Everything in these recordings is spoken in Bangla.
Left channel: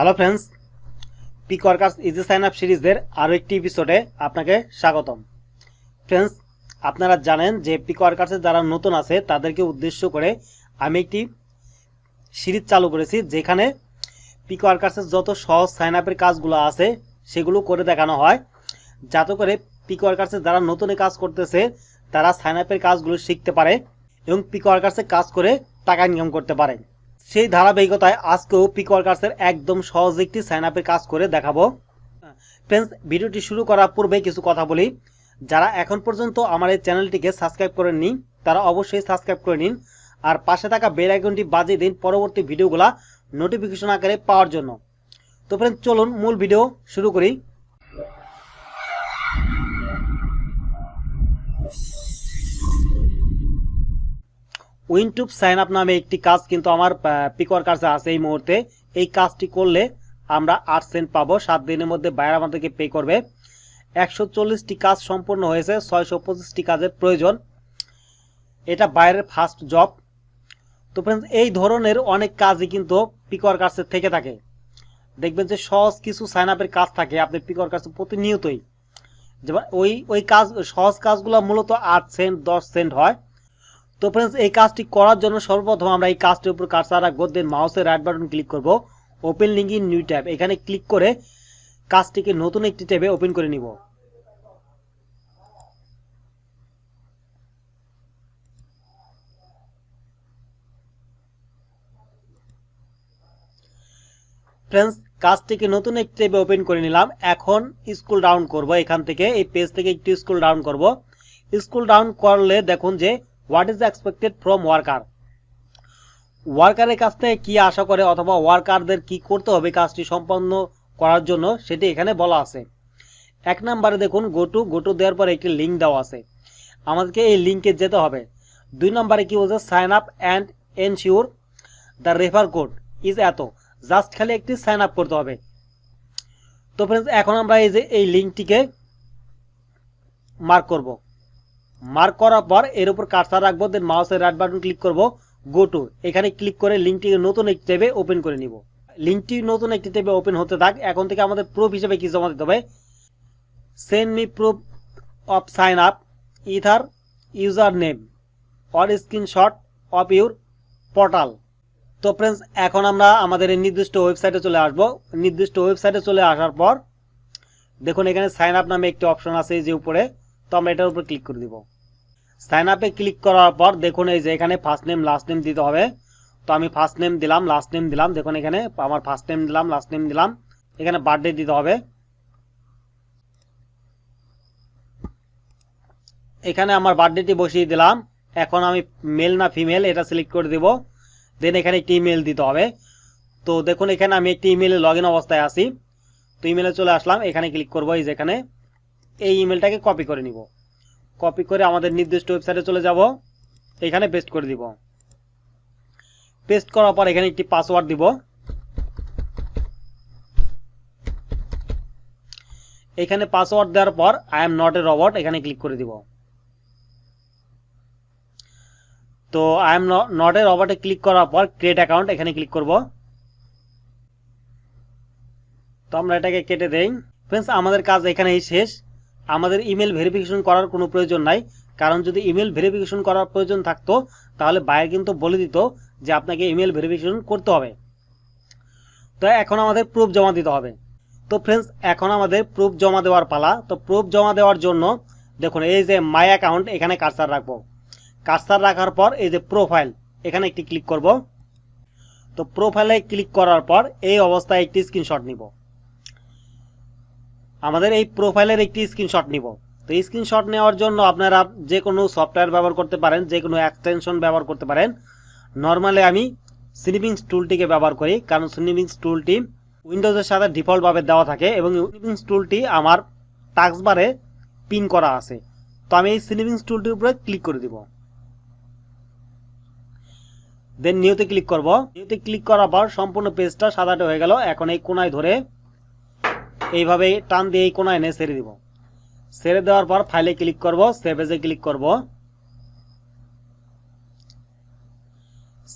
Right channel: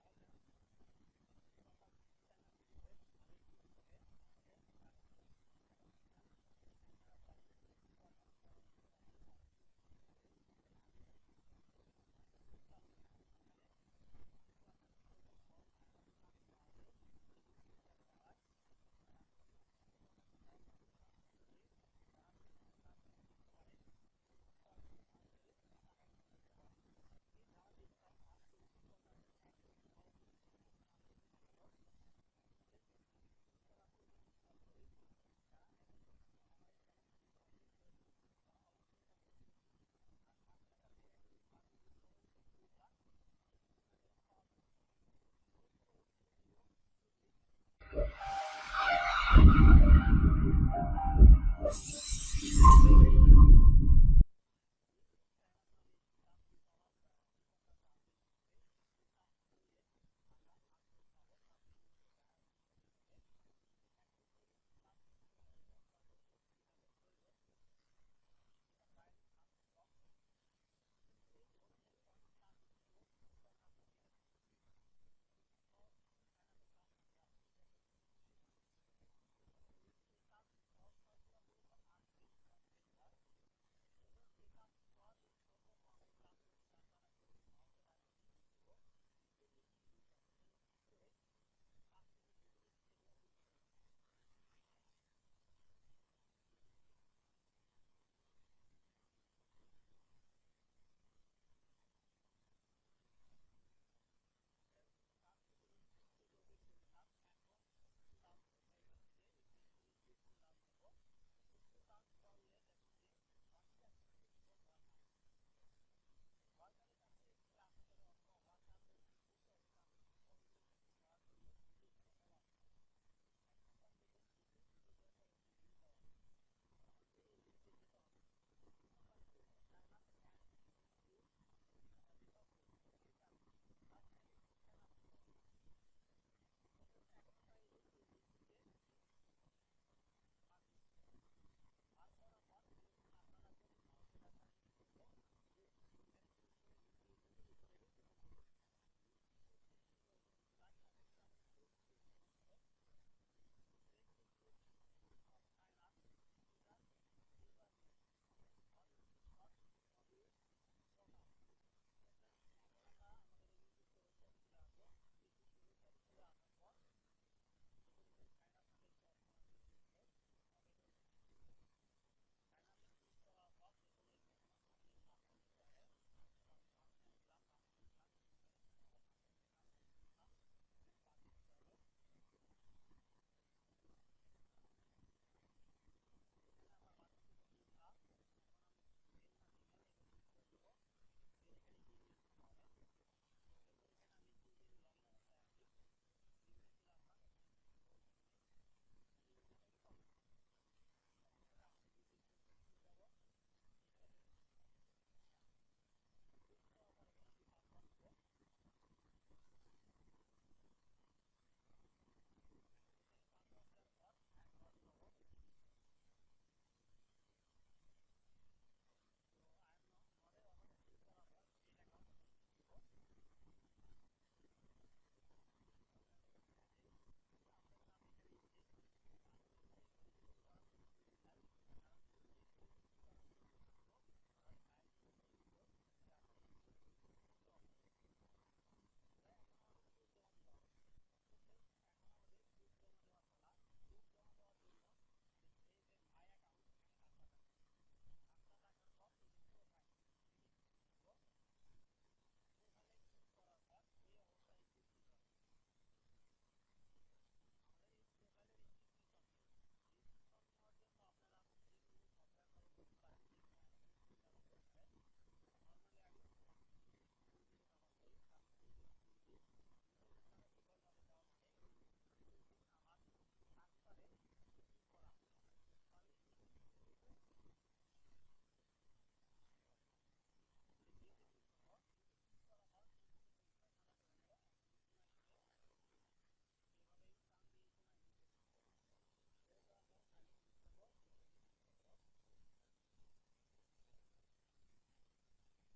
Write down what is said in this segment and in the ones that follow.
Hello friends, pick workers easy sign up সিরিজের আরও একটি এপিসোডে আপনাকে স্বাগতম। ফ্রেন্ডস, আপনারা জানেন যে পিক ওয়ার্কার্সে যারা নতুন আছে তাদেরকে উদ্দেশ্য করে আমি একটি সিরিজ চালু করেছি, যেখানে পিক ওয়ার্কার্সের যত সহজ সাইন আপের কাজগুলো আছে সেগুলো করে দেখানো হয়, যাতে করে পিক ওয়ার্কার্সে যারা নতুন কাজ করতেছে তারা সাইন আপের কাজগুলো শিখতে পারে এবং পিক ওয়ার্কার্সে কাজ করে টাকা ইনকাম করতে পারে। সেই ধারাবাহিকতায় আজকেও পিক ওয়ার্কার্সের একদম সহজ একটি সাইন আপের কাজ করে দেখাবো। ফ্রেন্ডস, ভিডিওটি শুরু করার পূর্বে কিছু কথা বলি। যারা এখন পর্যন্ত আমার এই চ্যানেলটিকে সাবস্ক্রাইব করেননি তারা অবশ্যই সাবস্ক্রাইব করে নিন, আর পাশে থাকা বেল আইকনটি বাজিয়ে দিন পরবর্তী ভিডিওগুলো নোটিফিকেশন আকারে পাওয়ার জন্য। তো ফ্রেন্ডস, চলুন মূল ভিডিও শুরু করি। উইনটুব সাইন আপ নামে একটি কাজ কিন্তু আমার পিক ওয়ার্কার্সে আছে এই মুহূর্তে। এই কাজটি করলে আমরা 8 সেন্ট পাবো। 7 দিনের মধ্যে বাইরে আমাদেরকে পে করবে। 140টি কাজ সম্পূর্ণ হয়েছে, 625টি কাজের প্রয়োজন। এটা বাইরের ফার্স্ট জব। তো ফ্রেন্ডস, এই ধরনের অনেক কাজই কিন্তু পিক ওয়ার্কার্সের থেকে থাকে। দেখবেন যে সহজ কিছু সাইন আপের কাজ থাকে আপনার পিক ওয়ার্কার্সে প্রতিনিয়তই, যেমন ওই কাজ সহজ কাজগুলো মূলত 8 সেন্ট 10 সেন্ট হয়। তো ফ্রেন্ডস, এই কাজটি করার জন্য সর্বপ্রথম আমরা এই কাজটির উপর কার্সার রাখবো, দেন মাউসের রাইট বাটন ক্লিক করব, open link in new tab, এখানে ক্লিক করে কাজটিকে নতুন একটি ট্যাবে ওপেন করে নিব। ফ্রেন্ডস, কাজটিকে নতুন একটি ট্যাবে ওপেন করে নিলাম। এখন স্ক্রল ডাউন করব, এখান থেকে এই পেজ থেকে একটু স্ক্রল ডাউন করব। স্ক্রল ডাউন করলে দেখুন যে what is expected from worker. ওয়ার্কারের কাছ থেকে কি আশা করে অথবা ওয়ার্কারদের কি করতে হবে কাজটি সম্পন্ন করার জন্য সেটি এখানে বলা আছে। 1 নম্বরে দেখুন গোটু দেওয়ার পর একটি লিঙ্ক দেওয়া আছে, আমাদেরকে এই লিঙ্কে যেতে হবে। 2 নম্বরে কি বলছে, sign up and ensure the refer code is এত, জাস্ট খালি একটি সাইন আপ করতে হবে। তো ফ্রেন্ডস, এখন আমরা এই যে এই লিঙ্কটিকে মার্ক করব। মার্ক করার পর এর উপর কার্সার রাখবো, দেন মাউসের রাইট বাটন ক্লিক করব, গো টু, এখানে ক্লিক করে লিঙ্কটিকে নতুন একটি ট্যাবে ওপেন করে নিব। লিঙ্কটি নতুন একটি ট্যাবে ওপেন হতে থাক। এখন থেকে আমাদের প্রুফ হিসেবে কি জমা দিতে হবে, send me proof of sign up ether user name or screenshot of your portal. তো ফ্রেন্ডস, এখন আমরা আমাদের এই নির্দিষ্ট ওয়েবসাইটে চলে আসব। নির্দিষ্ট ওয়েবসাইটে চলে আসার পর দেখুন এখানে সাইন আপ নামে একটি অপশন আছে এই যে উপরে, তো আমরা এটার উপর ক্লিক করে দিব। সাইন আপে ক্লিক করার পর দেখুন এই যে এখানে ফার্স্ট নেম লাস্ট নেম দিতে হবে। তো আমি ফার্স্ট নেম দিলাম, লাস্ট নেম দিলাম। দেখুন এখানে আমার ফার্স্ট নেম দিলাম, লাস্ট নেম দিলাম। এখানে বার্থডে দিতে হবে। এখানে আমার বার্থডেটি বসিয়ে দিলাম। এখন আমি মেল না ফিমেল এটা সিলেক্ট করে দেব। দেন এখানে একটি ইমেল দিতে হবে। তো দেখুন এখানে আমি একটি ইমেলে লগ ইন অবস্থায় আছি। তো ইমেলে চলে আসলাম, এখানে ক্লিক করবো। এই যে এখানে এই ইমেলটাকে কপি করে নিব। কপি করে আমাদের নির্দিষ্ট ওয়েবসাইটে চলে যাব, এখানে পেস্ট করে দিব। পেস্ট করার পর এখানে একটি পাসওয়ার্ড দিব। এখানে পাসওয়ার্ড দেওয়ার পর I am not a robot এখানে ক্লিক করে দিব। তো আই এম নট এ রোবটে ক্লিক করার পর ক্রিয়েট অ্যাকাউন্ট এখানে ক্লিক করব। তো আমরা এটাকে কেটে দেই। ফ্রেন্ডস, আমাদের কাজ এখানেই শেষ। আমাদের ইমেল ভেরিফিকেশন করার কোনো প্রয়োজন নাই, কারণ যদি ইমেল ভেরিফিকেশন করার প্রয়োজন থাকতো তাহলে বাইরে কিন্তু বলে দিত যে আপনাকে ইমেল ভেরিফিকেশন করতে হবে। তো এখন আমাদের প্রুফ জমা দিতে হবে। তো ফ্রেন্ডস, এখন আমাদের প্রুফ জমা দেওয়ার পালা। তো প্রুফ জমা দেওয়ার জন্য দেখুন এই যে মাই অ্যাকাউন্ট এখানে কার্সার রাখবো। কার্সার রাখার পর এই যে প্রোফাইল এখানে একটি ক্লিক করব। তো প্রোফাইলে ক্লিক করার পর এই অবস্থায় একটি স্ক্রিনশট নিব। আমাদের এই প্রোফাইলের একটি স্ক্রিনশট নিব। তো স্ক্রিনশট নেওয়ার জন্য আপনারা যে কোনো সফটওয়্যার ব্যবহার করতে পারেন, যে কোনো এক্সটেনশন ব্যবহার করতে পারেন। নর্মালি আমি স্নিপিংস টুলটিকে ব্যবহার করি, কারণ স্নিপিংস টুলটি উইন্ডোজের সাথে ডিফল্টভাবে দেওয়া থাকে এবং স্নিপিংস টুলটি আমার টাস্ক বারে পিন করা আছে। তো আমি এই স্নিপিংস টুলটির উপরে ক্লিক করে দিব। দেন নিউতে ক্লিক করব। নিউতে ক্লিক করার পর সম্পূর্ণ পেজটা সাদাটে হয়ে গেল। এখন এই কোনায় ধরে এইভাবে টান দিয়ে এই কোনায় এনে ছেড়ে দিব। ছেড়ে দেওয়ার পর ফাইলে ক্লিক করব, সেভ এজে ক্লিক করব।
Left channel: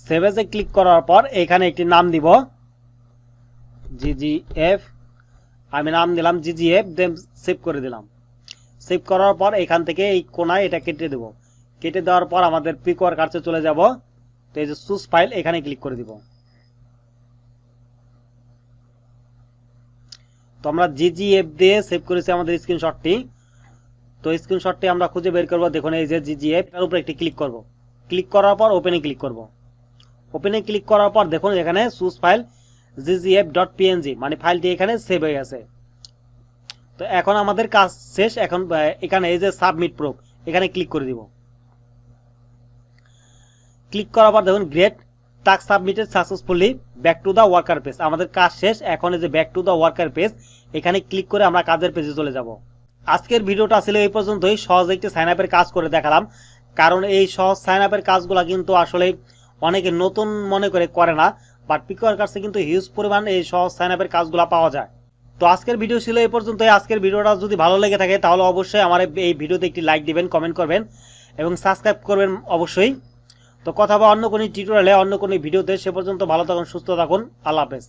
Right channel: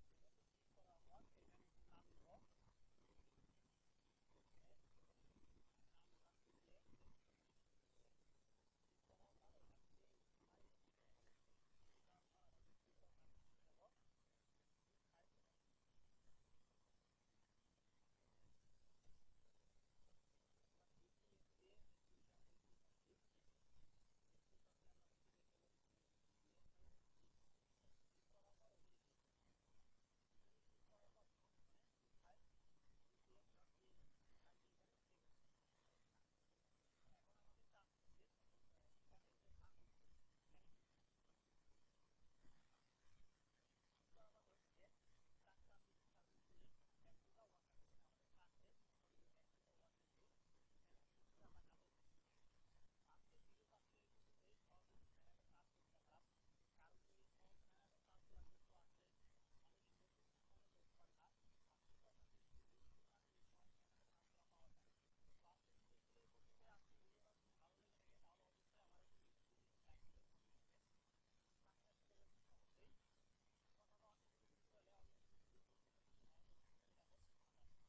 সেভ এজে ক্লিক করার পর এখানে একটি নাম দিব। GGF, আমি নাম দিলাম GGF, দেন সেভ করে দিলাম। সেভ করার পর এখান থেকে এই কোনায় এটা কেটে দেব। কেটে দেওয়ার পর আমাদের পিকওয়ার্কার্সে চলে যাব। তো এই যে চুজ ফাইল, এখানে ক্লিক করে দিব। তো আমরা GGF দিয়ে সেভ করেছি আমাদের স্ক্রিনশটটি। তো স্ক্রিনশটটি আমরা খুঁজে বের করব। দেখুন এই যে GGF, এর উপরে একটি ক্লিক করব। ক্লিক করার পর ওপেনে ক্লিক করব। ওপেনে ক্লিক করার পর দেখুন এখানে চুজ ফাইল ggf.png, মানে ফাইলটি এখানে সেভ হয়ে গেছে। তো এখন আমাদের কাজ শেষ। এখন এখানে এই যে সাবমিট প্রুফ, এখানে ক্লিক করে দিব। ক্লিক করার পর দেখুন great, task submitted successfully, back to the worker page. আমাদের কাজ শেষ। এখন এই যে back to the worker page, এখানে ক্লিক করে আমরা কাজের পেজে চলে যাব। আজকের ভিডিওটা ছিল এই পর্যন্তই। সহজ একটি সাইন আপের কাজ করে দেখালাম, কারণ এই সহজ সাইন আপের কাজগুলো কিন্তু আসলে অনেকে নতুন মনে করে না, বাট পিকওয়ার্কার্সে কিন্তু হিউজ পরিমাণ এই সহজ সাইন আপের কাজগুলো পাওয়া যায়। তো আজকের ভিডিও ছিল এই পর্যন্তই। আজকের ভিডিওটা যদি ভালো লেগে থাকে তাহলে অবশ্যই আমার এই ভিডিওতে একটি লাইক দিবেন, কমেন্ট করবেন এবং সাবস্ক্রাইব করবেন অবশ্যই। তো কথা বা অন্য কোনো টিউটোরিয়ালে, অন্য কোনো ভিডিওতে, সে পর্যন্ত ভালো থাকুন, সুস্থ থাকুন। আল্লাহ হাফেজ।